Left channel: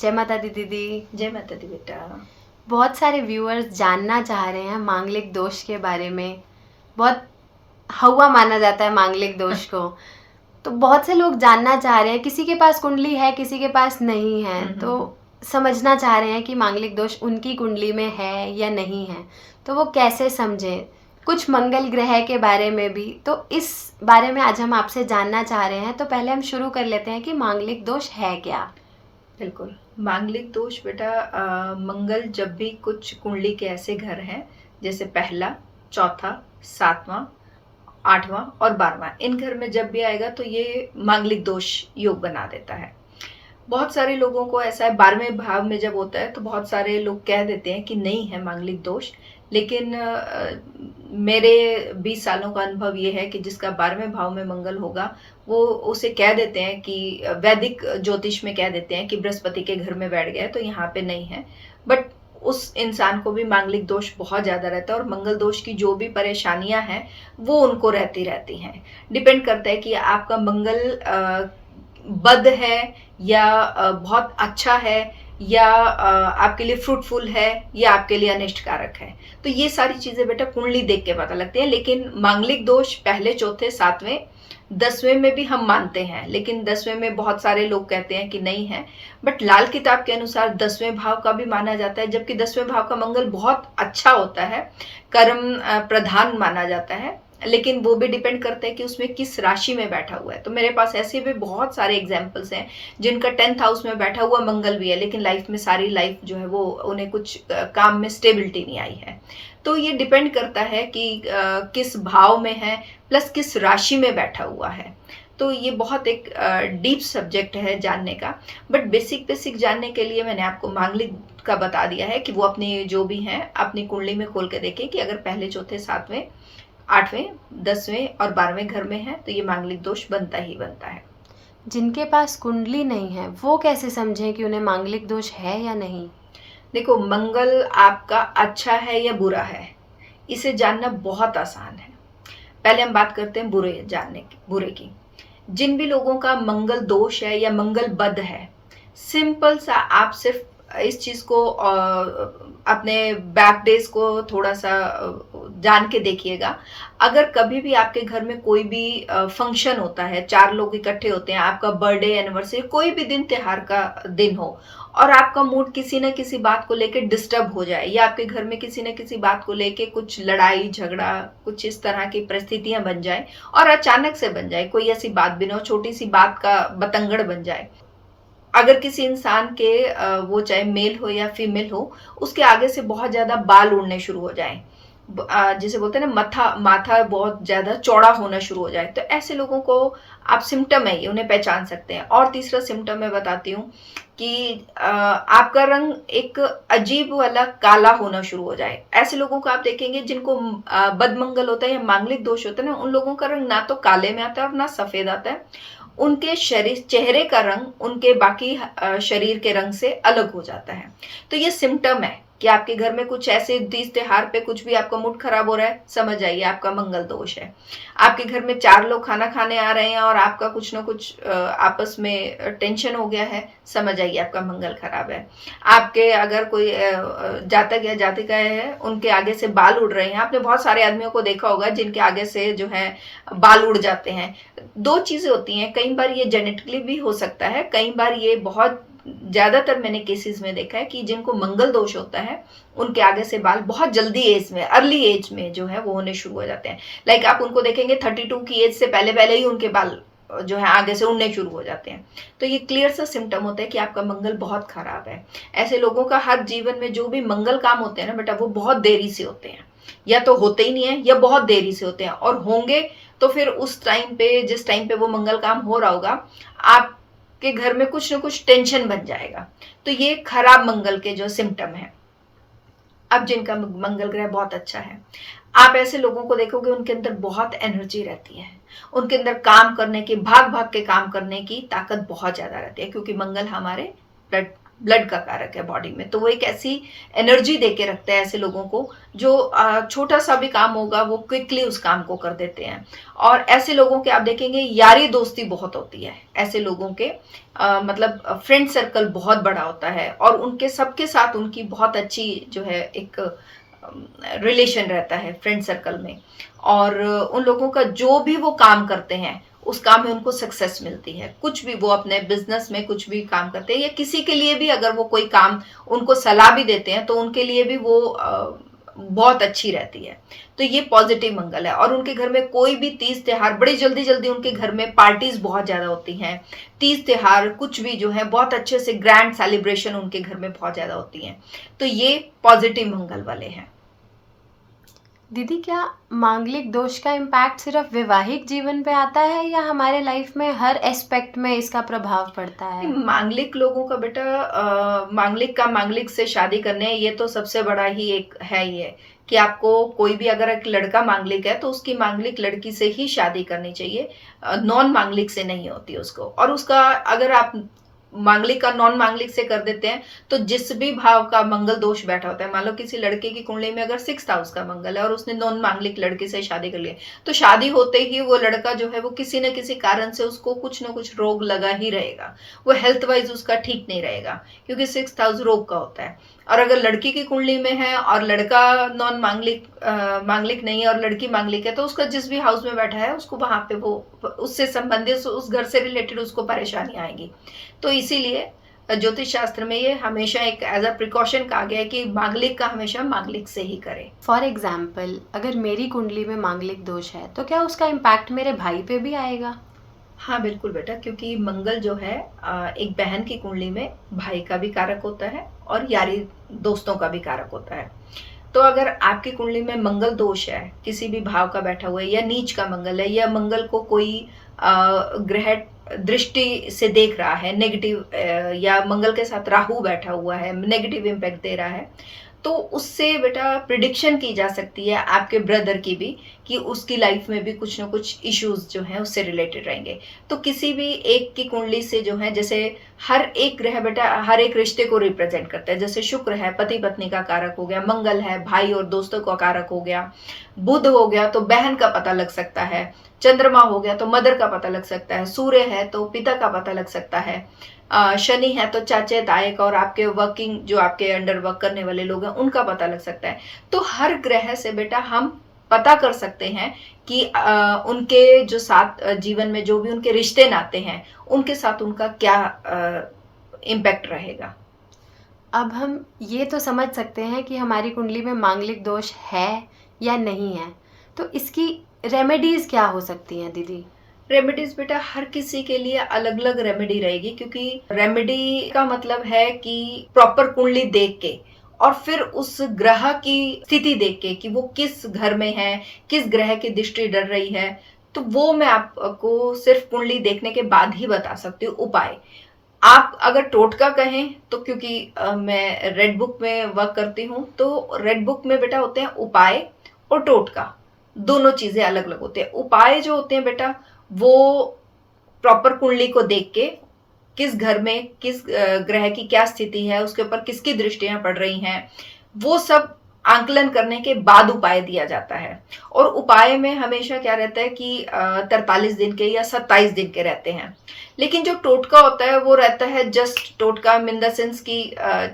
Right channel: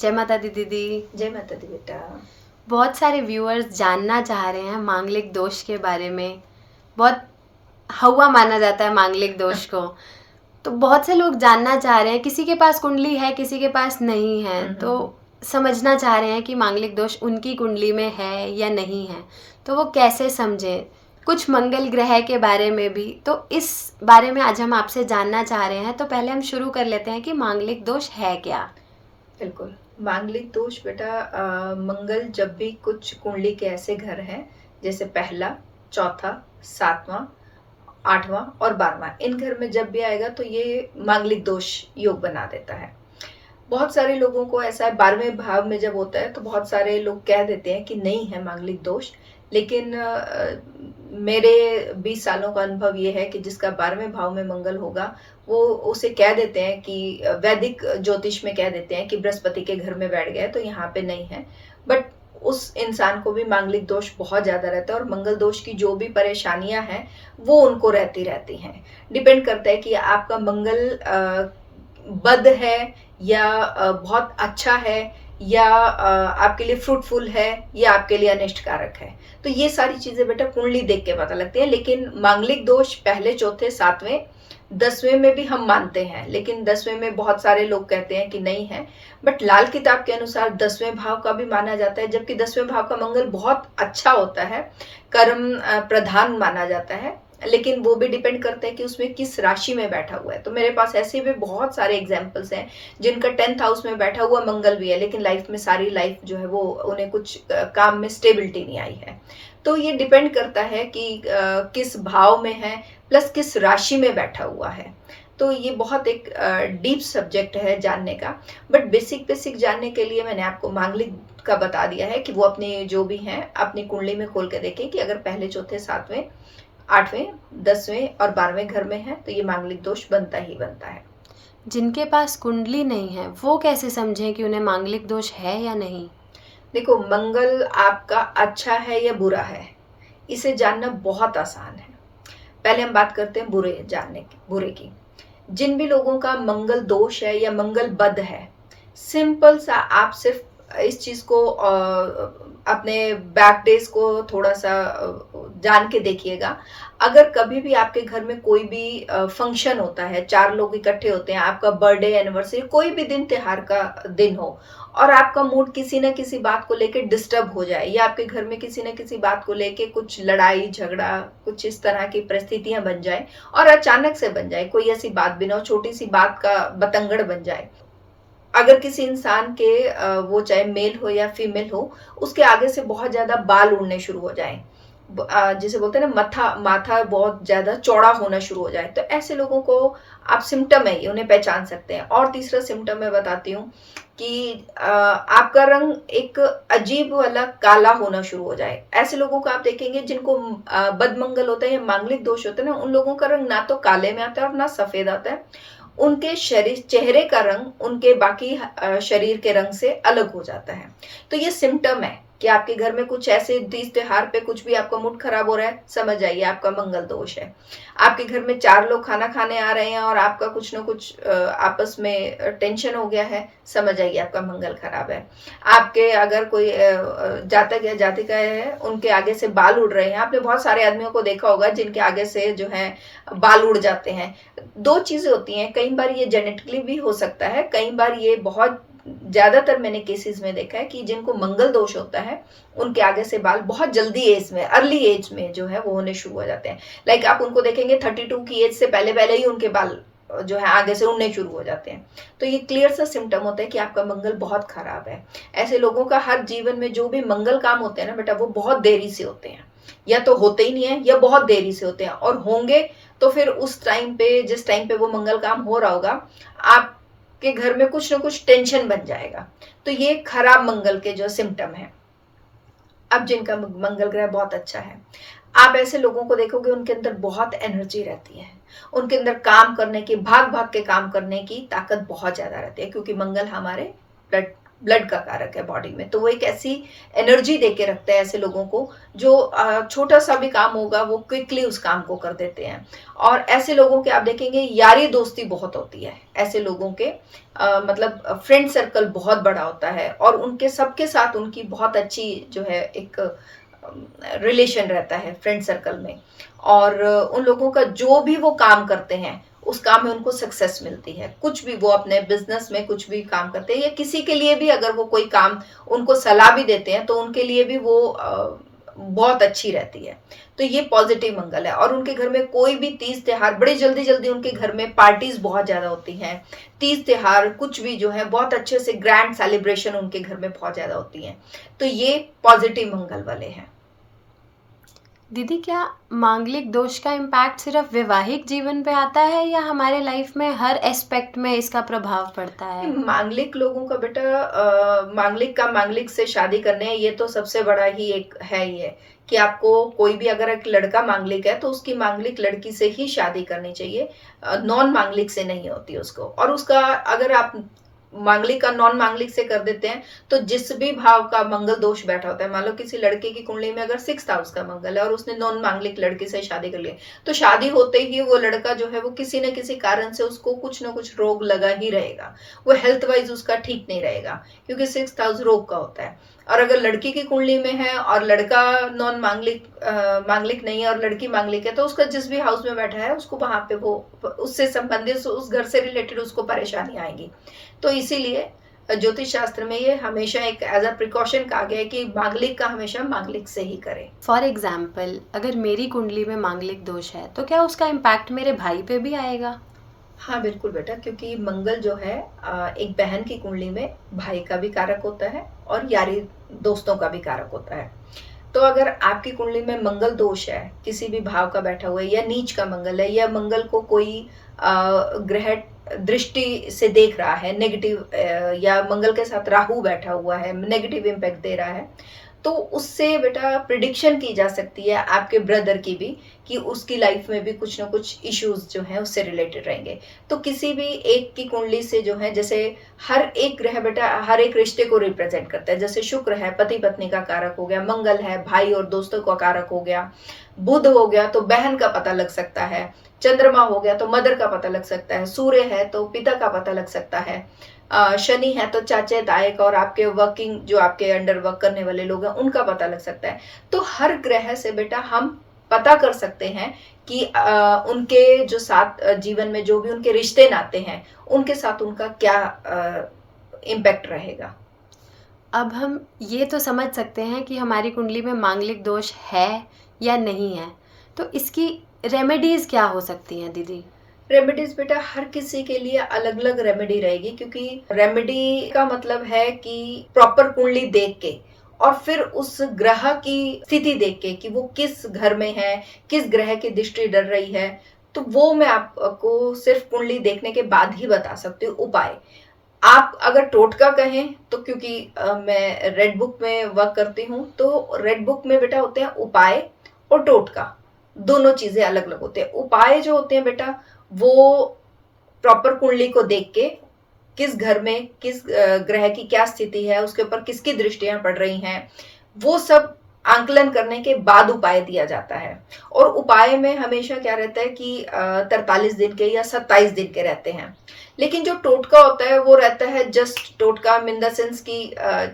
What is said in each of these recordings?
जय माता दी दीदी। जय माता दी बेटा। बहुत सारे व्यूअर्स जानना चाह रहे हैं मांगलिक दोष के बारे में। बहुत हवा माना जाता है मांगलिक दोष को। तो बहुत से लोग जानना चाह रहे हैं, किसी के पास कुंडली है किसी के पास नहीं है, तो समझना चाह रहे हैं कि मांगलिक दोष उनकी कुंडली में है या नहीं है, तो वो कैसे समझें। कुछ मंगल ग्रह के बारे में भी, तो इस बारे में आज हम आपसे जानना चाह रहे हैं। तो पहले हम शुरू कर लेते हैं कि मांगलिक दोष है क्या। बिल्कुल, मांगलिक दोष बेटा, मंगल जब भी कुछ कुंडली के ऐसे घर हैं जैसे पहला, चौथा, सातवां, आठवां और 12वां, इन घर में जब भी आएगा तो ये मांगलिक दोष योग बना देता है। बहुत सारे लोगों को ऐसा है, 12वें भाव में जब होता है तो बहुत सारे लोग कह देते हैं कि नहीं है मांगलिक दोष। लेकिन मेरे 20 सालों का अनुभव ये है कि जिसका 12वें भाव में मंगल होगा वो उसे कह देते हैं कि वैदिक ज्योतिष में कह देते हैं कि बृहस्पति के घर में बैठ गया तो यहाँ पे नहीं है। बट उस इंसान को भी मांगलिक दोष बहुत ज्यादा रहता है और मंगल दोष की जो भी परेशानियां हैं वो उनको रहती रहती हैं। डिपेंड करता है कि आपका मंगल बद है या बहुत अच्छा है या आपके लिए फ्रूटफुल है या आपके लिए अनिष्टकारक है। तो ये सारी चीजें बेटा कुंडली देख के पता लगती है। लेकिन मांगलिक दोष पहले, चौथे, सातवें, 10वें में भी हम मानते हैं, लेकिन 10वें में बहुत सारे लोग कहते हैं कि नहीं है। बट लाल किताब के अनुसार 10वें भाव का भी माना जाता है, जबकि 10वें भाव का मंगल बहुत अच्छा होता है, कर्म प्रधान माना जाता है। लेकिन वो भी डिपेंड करता है कि उसमें किस राशि में बैठा हुआ है। तो मेरे पास ऐसे भी बहुत सारे एग्जाम्पल्स हैं जिनका 10th हाउस में बैठा हुआ मंगल भी है, लेकिन लाइफ में सारी लाइफ जो है वो उन्हें कुछ काम में स्टेबिलिटी नहीं आई है। तो ये डिपेंड करता है कि किस भाव में है प्लस किस राशि में बैठा हुआ है। तो ये बहुत एक डीप सब्जेक्ट है जानने का। बट बेसिक बेसिक जानने के लिए मैंने आपको मांगलिक का बता दिया है कि वो अपने जो भी हैं अपनी कुंडली में खोल के देखें कि अगर पहले, चौथे, सातवें, 8वें, 10वें और 12वें घर में है तो ये मांगलिक दोष बनता ही बनता है। जिनके पास कुंडली नहीं है वो कैसे समझें कि उन्हें मांगलिक दोष है या नहीं। देखो, मंगल आपका अच्छा है या बुरा है, इसे जानना बहुत आसान है। पहले हम बात करते हैं बुरे की। जिन भी लोगों का मंगल दोष है या मंगल बद है, सिंपल सा आप सिर्फ इस चीज को अपने बैक डेज को थोड़ा सा जान के देखिएगा। अगर कभी भी आपके घर में कोई भी फंक्शन होता है, 4 लोग इकट्ठे होते हैं, आपका बर्थडे, एनिवर्सरी, कोई भी दिन त्योहार का दिन हो और आपका मूड किसी न किसी बात को लेके डिस्टर्ब हो जाए या आपके घर में किसी न किसी बात को लेके कुछ लड़ाई झगड़ा, कुछ इस तरह की परिस्थितियां बन जाए और अचानक से बन जाए, कोई ऐसी बात भी ना हो, छोटी सी बात का बतंगड़ बन जाए। अगर किसी इंसान के वो चाहे मेल हो या फीमेल हो, उसके आगे से बहुत ज्यादा बाल उड़ने शुरू हो जाए, जिसे बोलते हैं ना माथा बहुत ज्यादा चौड़ा होना शुरू हो जाए, तो ऐसे लोगों को आप सिम्टम है ये, उन्हें पहचान सकते हैं। और तीसरा सिम्टम मैं बताती हूँ कि आपका रंग एक अजीब वाला काला होना शुरू हो जाए। ऐसे लोगों को आप देखेंगे जिनको बदमंगल होता है या मांगलिक दोष होता है ना, उन लोगों का रंग ना तो काले में आता है और ना सफेद आता है। उनके शरीर, चेहरे का रंग उनके बाकी शरीर के रंग से अलग हो जाता है। तो ये सिम्टम है कि आपके घर में कुछ ऐसे तीज त्योहार पे कुछ भी आपका मूड खराब हो रहा है, समझ जाइए आपका मंगल दोष है। आपके घर में 4 लोग खाना खाने आ रहे हैं और आपका कुछ ना कुछ आपस में टेंशन हो गया है, समझ जाइए आपका मंगल खराब है। आपके अगर कोई जातक या जातिका है, उनके आगे से बाल उड़ रहे हैं, आपने बहुत सारे आदमियों को देखा होगा जिनके आगे से जो है बाल उड़ जाते हैं। 2 चीजें होती हैं, कई बार ये जेनेटिकली भी हो सकता है, कई बार ये बहुत ज्यादातर मैंने केसेस में देखा है कि जिनको मंगल दोष होता है उनके आगे से बाल बहुत जल्दी एज में, अर्ली एज में जो है वो होने शुरू हो जाते हैं। लाइक आप उनको देखेंगे 32 की एज से पहले पहले ही उनके बाल जो है आगे से उड़ने शुरू हो जाते हैं। तो ये क्लियर सा सिम्टम होता है कि आपका मंगल बहुत खराब है। ऐसे लोगों का हर जीवन में जो भी मंगल काम होते हैं ना बेटा, वो बहुत देरी से होते हैं, या तो होते ही नहीं है या बहुत देरी से होते हैं, और होंगे तो फिर उस टाइम पे, जिस टाइम पे वो मंगल काम हो रहा होगा, आपके घर में कुछ ना कुछ टेंशन बन जाएगा। तो ये खराब मंगल के जो सिम्टम है। अब जिनका मंगल ग्रह बहुत अच्छा है, आप ऐसे लोगों को देखोगे उनके अंदर बहुत एनर्जी रहती है, उनके अंदर काम करने की, भाग भाग के काम करने की ताकत बहुत ज्यादा रहती है, क्योंकि मंगल हमारे ब्लड ब्लड का कारक है बॉडी में, तो वो एक ऐसी एनर्जी दे के रखता है ऐसे लोगों को जो छोटा सा भी काम होगा वो क्विकली उस काम को कर देते हैं। और ऐसे लोगों के आप देखेंगे यारी दोस्ती बहुत होती है, ऐसे लोगों के मतलब फ्रेंड सर्कल बहुत बड़ा होता है और उनके सबके साथ उनकी बहुत अच्छी जो है एक रिलेशन रहता है फ्रेंड सर्कल में। और उन लोगों का जो भी वो काम करते हैं उस काम में उनको सक्सेस मिलती है। कुछ भी वो अपने बिजनेस में कुछ भी काम करते हैं या किसी के लिए भी अगर वो कोई काम उनको सलाह भी देते हैं तो उनके लिए भी वो बहुत अच्छी रहती है। तो ये पॉजिटिव मंगल है। और उनके घर में कोई भी तीज त्योहार बड़ी जल्दी जल्दी उनके घर में पार्टीज बहुत ज्यादा होती हैं। तीज त्योहार कुछ भी जो है बहुत अच्छे से ग्रैंड सेलिब्रेशन उनके घर में बहुत ज्यादा होती हैं। तो ये पॉजिटिव मंगल वाले हैं। दीदी, क्या मांगलिक दोष का इम्पैक्ट सिर्फ वैवाहिक जीवन पे आता है या हमारे लाइफ में हर एस्पेक्ट में इसका प्रभाव पड़ता है? मांगलिक लोगों का बेटा मांगलिक से शादी करने, ये तो सबसे बड़ा ही एक है ही है कि आपको कोई भी अगर एक लड़का मांगलिक है तो उसकी मांगलिक लड़की से ही शादी करनी चाहिए, नॉन मांगलिक से नहीं होती उसको। और उसका अगर आप मांगलिक का नॉन मांगलिक से कर देते हैं तो जिस भी भाव का मंगल दोष बैठा होता है, मान लो किसी लड़के की कुंडली में अगर 6th हाउस का मंगल है और उसने नॉन मांगलिक लड़के से शादी कर ली, तो शादी होते ही वो लड़का जो है वो किसी न किसी कारण से उसको कुछ ना कुछ रोग लगा ही रहेगा, वो हेल्थ वाइज उसका ठीक नहीं रहेगा क्योंकि 6th हाउस रोग का होता है। और अगर लड़की की कुंडली में है और लड़का नॉन मांगलिक नहीं है और लड़की मांगलिक है, तो उसका जिस भी हाउस में बैठा है उसको वहां पे वो उससे संबंधित उस घर से रिलेटेड उसको परेशानी आएगी। तो इसीलिए ज्योतिष शास्त्र में ये हमेशा एक एज अ प्रिकॉशन कहा गया है कि मांगलिक का हमेशा मांगलिक से ही करें। फॉर एग्जाम्पल, अगर मेरी कुंडली में मांगलिक दोष है तो क्या उसका इम्पैक्ट मेरे भाई पे भी आएगा? हाँ बिल्कुल बेटा, क्योंकि मंगल जो है एक बहन की कुंडली में भाई का भी कारक होता है और यारी दोस्तों का भी कारक होता है। तो अगर आपकी कुंडली में मंगल दोष है, किसी भी भाव का बैठा हुआ है या नीच का मंगल है या मंगल को कोई ग्रह दृष्टि से देख रहा है नेगेटिव, या मंगल के साथ राहु बैठा हुआ है नेगेटिव इम्पैक्ट दे रहा है, तो उससे बेटा प्रिडिक्शन की जा सकती है आपके ब्रदर की भी कि उसकी लाइफ में भी कुछ ना कुछ इश्यूज जो हैं उससे रिलेटेड रहेंगे। तो किसी भी एक की कुंडली से जो है, जैसे हर एक ग्रह बेटा हर एक रिश्ते को रिप्रेजेंट करता है। जैसे शुक्र है पति पत्नी का कारक हो गया, मंगल है भाई और दोस्तों का कारक हो गया, बुध हो गया तो बहन का पता लग सकता है, चंद्रमा हो गया तो मदर का पता लग सकता है, सूर्य है तो पिता का पता लग सकता है, शनि है तो चाचे ताए का और आपके वर्किंग जो आपके अंडर वर्क करने वाले लोग हैं उनका पता लग सकता है। तो हर ग्रह से बेटा हम पता कर सकते हैं कि उनके जो साथ जीवन में जो भी उनके रिश्ते नाते हैं उनके साथ उनका क्या इम्पैक्ट रहेगा। अब हम ये तो समझ सकते हैं कि हमारी कुंडली में मांगलिक दोष है या नहीं है, तो इसकी रेमेडीज क्या हो सकती हैं दीदी? रेमेडीज बेटा हर किसी के लिए अलग अलग रेमेडी रहेगी, क्योंकि रेमेडी का मतलब है कि प्रॉपर कुंडली देख के और फिर उस ग्रह की स्थिति देख के कि वो किस घर में है, किस ग्रह की दृष्टि डर रही है, तो वो मैं आपको सिर्फ कुंडली देखने के बाद ही बता सकती हूँ उपाय। आप अगर टोटका कहें तो क्योंकि मैं रेड बुक में वर्क करती हूँ, तो रेड बुक में बेटा होते हैं उपाय और टोटका, दोनों चीजें अलग अलग होते हैं। उपाय जो होते हैं बेटा वो प्रॉपर कुंडली को देख के किस घर में किस ग्रह की क्या स्थिति है, उसके ऊपर किसकी दृष्टियां पड़ रही हैं, वो सब आंकलन करने के बाद उपाय दिया जाता है। और उपाय में हमेशा क्या रहता है कि 43 दिन के या 27 दिन के रहते हैं। लेकिन जो टोटका होता है वो रहता है जस्ट टोटका इन द सेंस की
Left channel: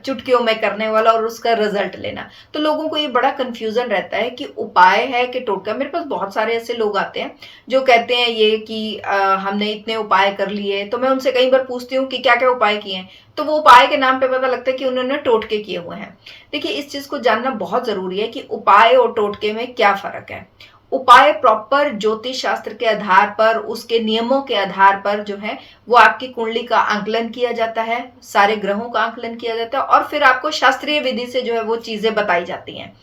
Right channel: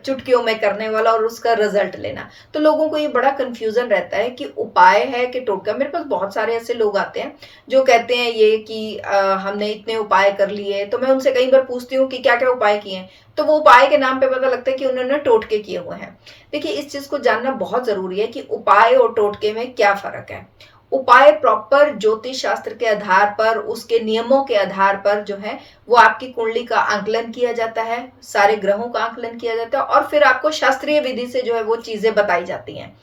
चुटकियों में करने वाला और उसका रिजल्ट लेना। तो लोगों को ये बड़ा कंफ्यूजन रहता है कि उपाय है कि टोटका। मेरे पास बहुत सारे ऐसे लोग आते हैं जो कहते हैं ये कि हमने इतने उपाय कर लिए, तो मैं उनसे कई बार पूछती हूँ कि क्या क्या उपाय किए हैं, तो वो उपाय के नाम पे पता लगता है कि उन्होंने टोटके किए हुए हैं। देखिए इस चीज को जानना बहुत जरूरी है कि उपाय और टोटके में क्या फर्क है। उपाय प्रॉपर ज्योतिष शास्त्र के आधार पर, उसके नियमों के आधार पर जो है वो आपकी कुंडली का आंकलन किया जाता है, सारे ग्रहों का आंकलन किया जाता है और फिर आपको शास्त्रीय विधि से जो है वो चीजें बताई जाती हैं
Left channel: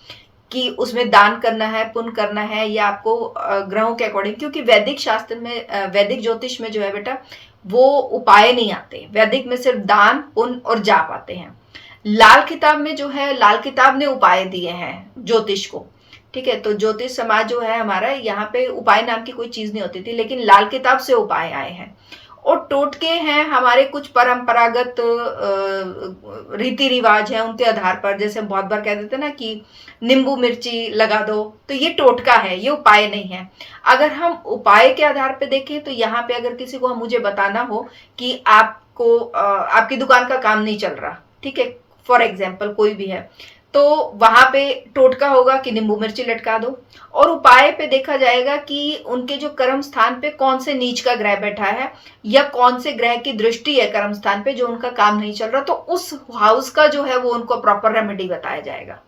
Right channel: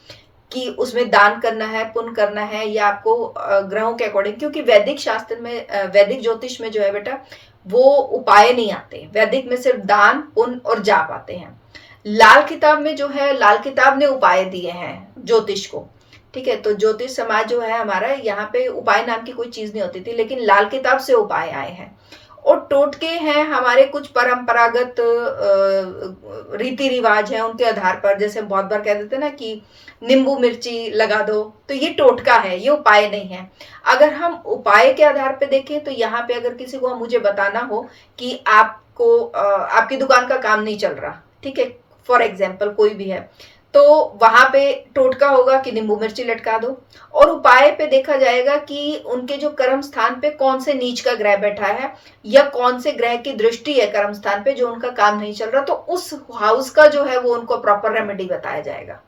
कि उसमें दान करना है, पुण्य करना है या आपको ग्रहों के अकॉर्डिंग। क्योंकि वैदिक शास्त्र में, वैदिक ज्योतिष में जो है बेटा वो उपाय नहीं आते, वैदिक में सिर्फ दान पुण्य और जाप आते हैं। लाल किताब में जो है, लाल किताब ने उपाय दिए हैं ज्योतिष को, ठीक है। तो ज्योतिष समाज जो है हमारा, यहाँ पे उपाय नाम की कोई चीज नहीं होती थी, लेकिन लाल किताब से उपाय आए हैं। और टोटके हैं हमारे कुछ परंपरागत रीति रिवाज हैं उनके आधार पर, जैसे बहुत बार कह देते हैं ना कि नींबू मिर्ची लगा दो, तो ये टोटका है, ये उपाय नहीं है। अगर हम उपाय के आधार पे देखें तो यहाँ पे अगर किसी को मुझे बताना हो कि आपको आपकी दुकान का काम नहीं चल रहा, ठीक है, फॉर एग्जाम्पल कोई भी है, तो वहां पे टोटका होगा कि नींबू मिर्ची लटका दो, और उपाय पे देखा जाएगा कि उनके जो कर्म स्थान पे कौन से नीच का ग्रह बैठा है या कौन से ग्रह की दृष्टि है कर्म स्थान पे जो उनका काम नहीं चल रहा, तो उस हाउस का जो है वो उनको प्रॉपर रेमेडी बताया जाएगा।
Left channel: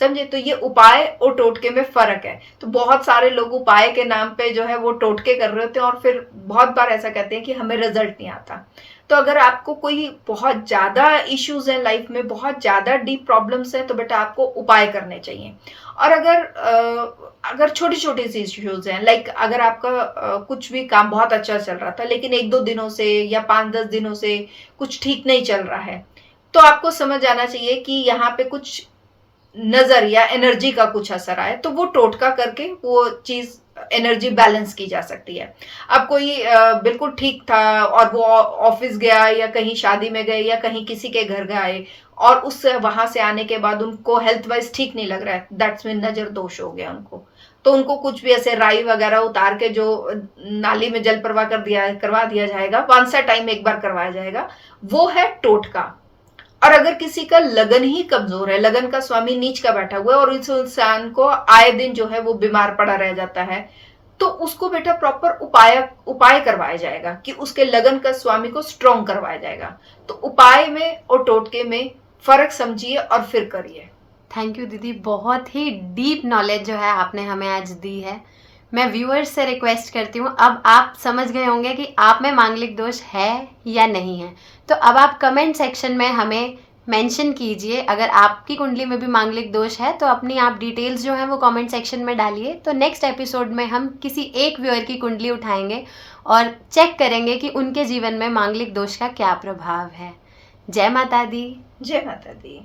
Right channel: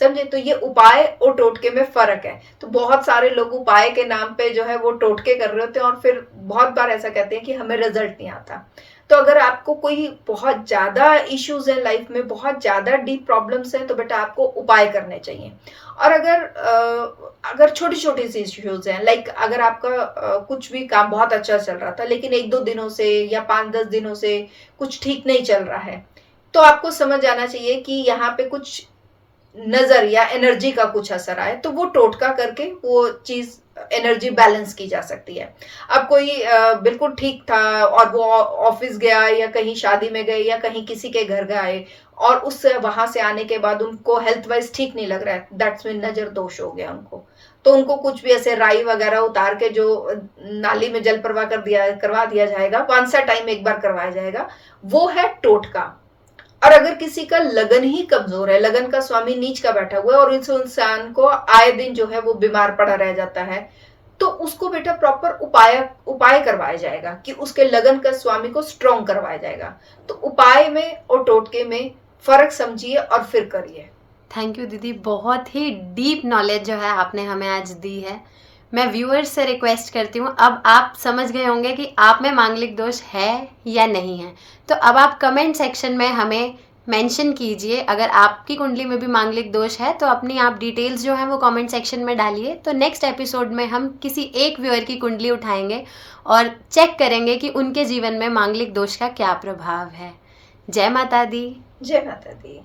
समझे? तो ये उपाय और टोटके में फर्क है। तो बहुत सारे लोग उपाय के नाम पे जो है वो टोटके कर रहे होते हैं और फिर बहुत बार ऐसा कहते हैं कि हमें रिजल्ट नहीं आता। तो अगर आपको कोई बहुत ज्यादा इश्यूज है लाइफ में, बहुत ज्यादा डीप प्रॉब्लम्स हैं, तो बेटा आपको उपाय करने चाहिए। और अगर छोटी छोटी सी इश्यूज हैं, लाइक अगर आपका कुछ भी काम बहुत अच्छा चल रहा था लेकिन 1-2 दिनों से या 5-10 दिनों से कुछ ठीक नहीं चल रहा है, तो आपको समझ आना चाहिए कि यहाँ पे कुछ नजर या एनर्जी का कुछ असर आए, तो वो टोटका करके वो चीज एनर्जी बैलेंस की जा सकती है। अब कोई बिल्कुल ठीक था और वो ऑफिस गया या कहीं शादी में गए या कहीं किसी के घर गए और उससे वहां से आने के बाद उनको हेल्थ वाइज ठीक नहीं लग रहा है, दैट्स मीन नजर दोष हो गया उनको। तो उनको कुछ भी ऐसे राई वगैरह उतार के जो नाली में जल प्रवाह करवा दिया जाएगा, वंस अ टाइम एक बार करवाया जाएगा, वो है टोटका। और अगर किसी का लगन ही कमजोर है, लगन का स्वामी नीच का बैठा हुआ है और इस इंसान को आए दिन जो है वो बीमार पड़ा रह जाता है, तो उसको बेटा प्रॉपर उपाय करवाया जाएगा कि उसके लगन का स्वामी को स्ट्रॉन्ग करवाया जाएगा। तो उपाय में और टोटके में फर्क समझिए और फिर करिए। थैंक यू दीदी, बहुत ही डीप नॉलेज जो है आपने हमें आज दी है। मैं व्यूअर्स से रिक्वेस्ट करती हूँ, अब आप समझ गए होंगे कि आप में मांगलिक दोष है या नहीं है, तो अब आप कमेंट सेक्शन में हमें मेंशन कीजिए। अगर आपकी कुंडली में भी मांगलिक दोष है तो अपनी आप डिटेल्स जो हैं वो कमेंट सेक्शन में डालिए। तो नेक्स्ट एपिसोड में हम किसी एक व्यूअर की कुंडली उठाएंगे और चेक करेंगे कि उनके जीवन में मांगलिक दोष का क्या प्रभाव है। जय माता दी। जय माता दी।